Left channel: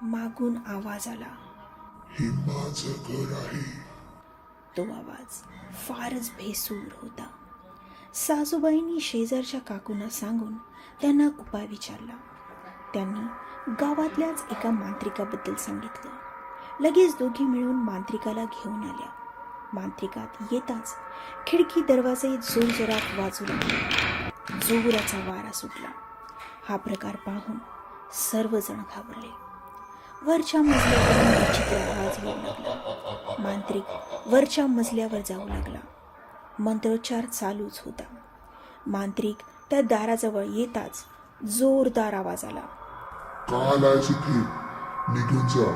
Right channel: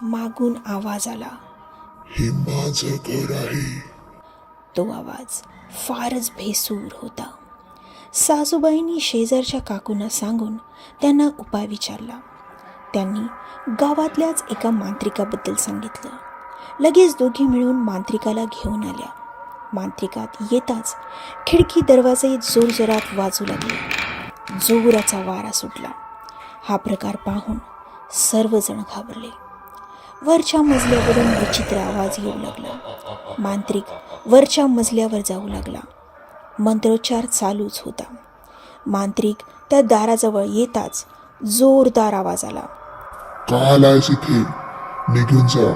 मागून आवाज आला, हे माझं घर आहे. तो आवाज फारच भेसूर होता. सासूबाईंनी शेजारच्या काकूंना सांगून त्यांना उपाय विचारला. त्यांनी गावातल्याच एका मांत्रिकाबद्दल सांगितलं. लगेच दोघी मिळून मांत्रिकाला घेऊन आल्या. मांत्रिकात येताच खिडकी दरवाजे जोरजोरात वाजू लागले. जोराचा वारा सुटला. हा प्रकार पाहून सर्वजण घाबरले. वरच्या मजल्यावरून विचित्र आवाज येऊ लागला. मांत्रिक वरच्या मजल्यावर जाऊ लागला. मंत्रोच्चार चालूच होता. मांत्रिक त्या दाराजवळ येताच जोरदार आवाज आला, का आलायस इथे? निघून जा,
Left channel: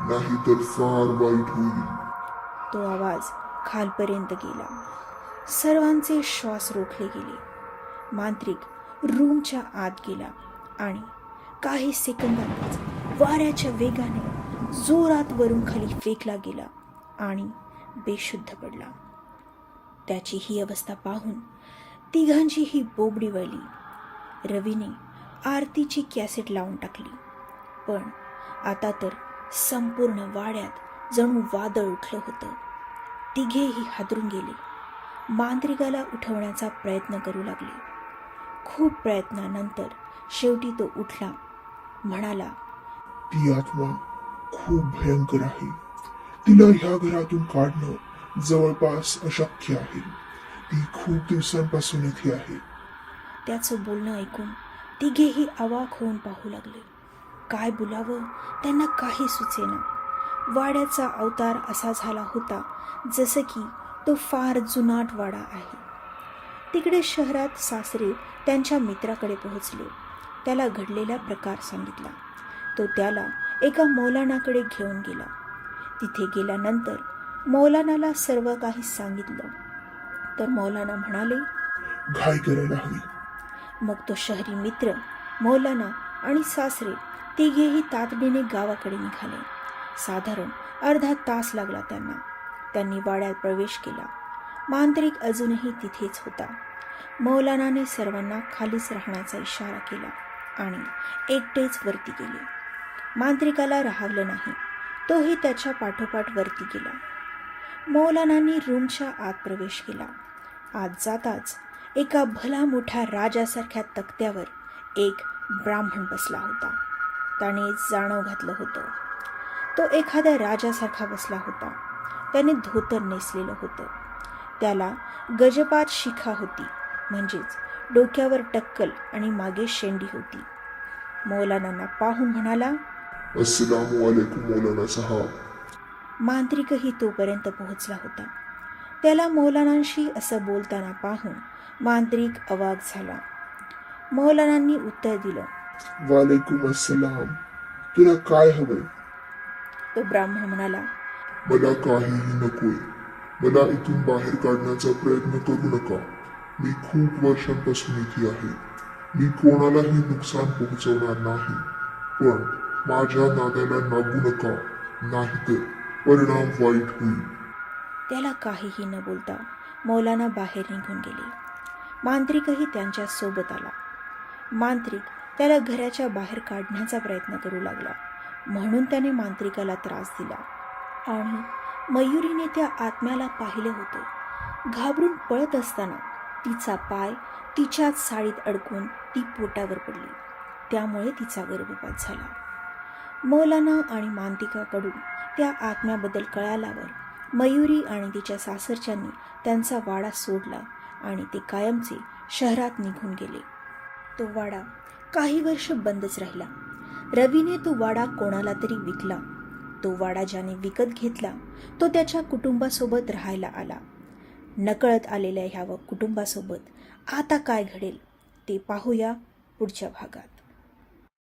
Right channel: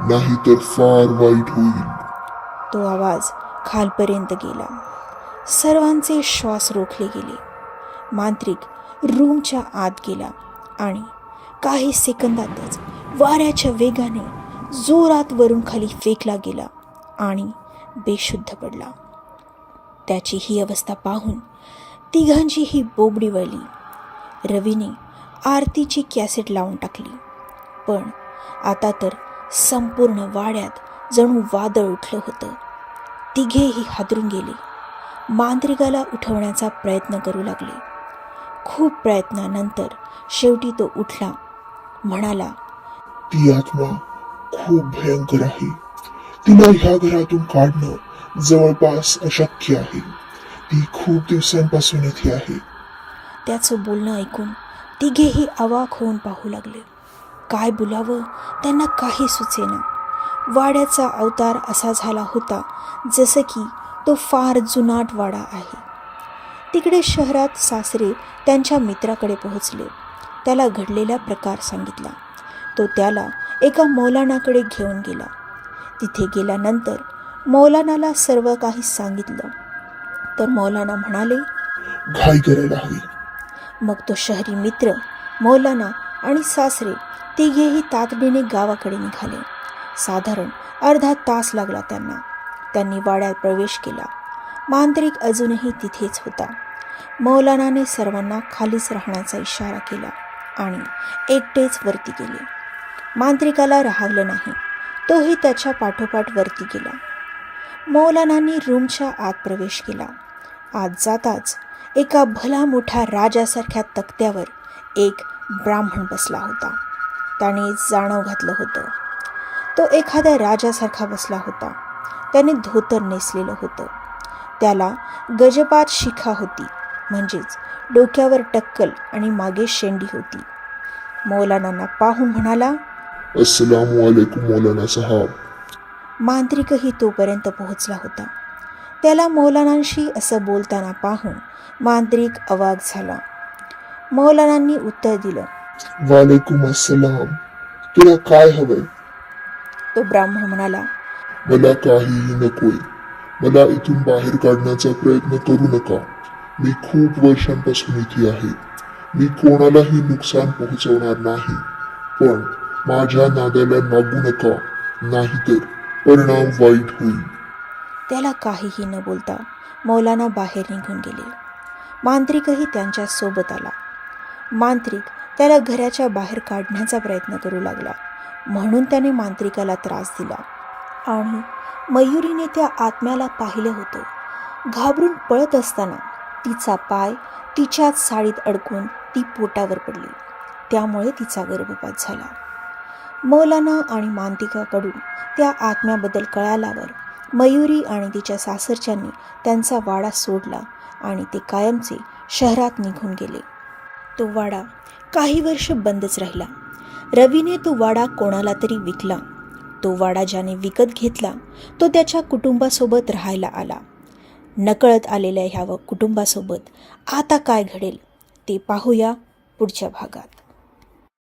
नाही तर फार वाईट होईल. तो आवाज खालपर्यंत गेला. सर्वांचे श्वास रोखले गेले. मांत्रिक रूमच्या आत गेला आणि काही सेकंदातच वाऱ्याच्या वेगाने जोरात वरून खाली फेकला गेला आणि बेशुद्ध पडला. त्याची ही अवस्था पाहून तिघांची ही बोबडी वळली. रवीने आरतीची कॅसेट लावून टाकली. पण आता तर संपूर्ण वाड्यात जणू वादळ उठलं होतं. तिघेही हादरून गेले. मांत्रिकाला उठवण्याचा प्रयत्न करू लागले. खूप प्रयत्नानंतर शेवटी तो उठला. म्हणाला, ती आत्मा खूप भयंकर आहे. तिला ह्या घरातून काढणं जवळपास अशक्य आहे. ती खूप दिवसांपासून इथे आहे. त्याचं बोलणं ऐकून तिघेही अवाक होऊन पाहू लागले. काय बोलावं त्यांना काही सुचेना. वाड्याचा अवतार असा झाला होता जसं की तो फार जुनाट वाडा आहे. तिकडे शहरात सासरे त्यांच्या मित्राकडे पोहोचले. त्याला घडलेला प्रकार सांगितला. तो त्याला एका मौलानाकडे घेऊन गेला. तिथे गेल्यानंतर मौलानाला सर्व काही सांगितलं. तर मौलाना म्हणाले, घाई करायला हवी. मग तो शहरी मित्र, मौलाना आणि सासरे तिघेही तातडीने गावाकडे निघाले. साधारण अर्धा तास लागला त्यांना. त्यांनी वाड्यात प्रवेश केला. मांत्रिक अजूनही तिथेच होता. मौलानाने सर्वांना खालीच राहण्याचा इशारा केला आणि एकटेच वरती गेले. मांत्रिकाला राहावलं नाही. तोही त्याच्या पाठोपाठ वरती गेला. मौलानांनी रूमच्या आत प्रवेश केला. आत जाताच एका भला मोठ्या राजासारख्या तक्त्यावर एक ब्राह्मण बसला होता. त्याने जाणव घातलं होतं. तो एखाद्या राजासारखा बसला होता. त्याने धोतर नेसलेलं होतं. त्याला गजपात शिखा होती, म्हणजेच डोक्यावर टक्कल आणि मागे शेंडी होती. मौलानांना पाहून म्हणाला, अस्सलामु अलैकुम मौलाना साहब. मांत्रिकही तोपर्यंत पोहोचला होता. त्याला मौलानांशी असं बोलताना पाहून मांत्रिक अवाक झाला. मौलानांनी उत्तर दिलं, वालेकुम अस्सलाम. तुला काय हवंय? तो ब्राह्मण म्हणाला, मला काहीही नकोय. मला इथून बाहेर काढण्याचा प्रयत्न करू नका. मी खूप वर्षांपासून इथे आहे. मी कोणालाही नुकसान पोहोचवणार नाही. पण माझ्या नादाला लागू नका, नाहीतर परिणाम वाईट होईल. त्याला काहीही न बोलता मौलाना बाहेर निघून गेले. मांत्रिकही त्यांच्या सोबत आला. मांत्रिक त्याला घराच्या बाहेर काढण्याचा प्रयत्न करू लागला. म्हणून त्याने मांत्रिकाला त्रास दिला आणि मयुरीने त्या आत्म्याला पाहिलं होतं. घाबरून पळत असताना तिचा पाय तिच्याच साडीत अडकून ती पोटावर पडली. त्यामुळे तिचा गर्भपात झाला. मौलाना आणि मांत्रिकाकडून त्या आत्म्याबद्दल कळाल्यावर मयुरी आणि तिच्या सासरच्यांनी त्यांचा वाडा सोडला आणि ते कायमचे शहरात निघून गेले. तो वाडा काही वर्ष बंदच राहिला. रवीने तो वाडा कोणाला तरी विकला. तो वाडा ज्याने विकत घेतला तो त्याच्या कुटुंबासोबत राहायला आला. नकळत आलेल्या ह्या कुटुंबासोबत आता काय घडेल ते पाहूया पुढच्या भागात.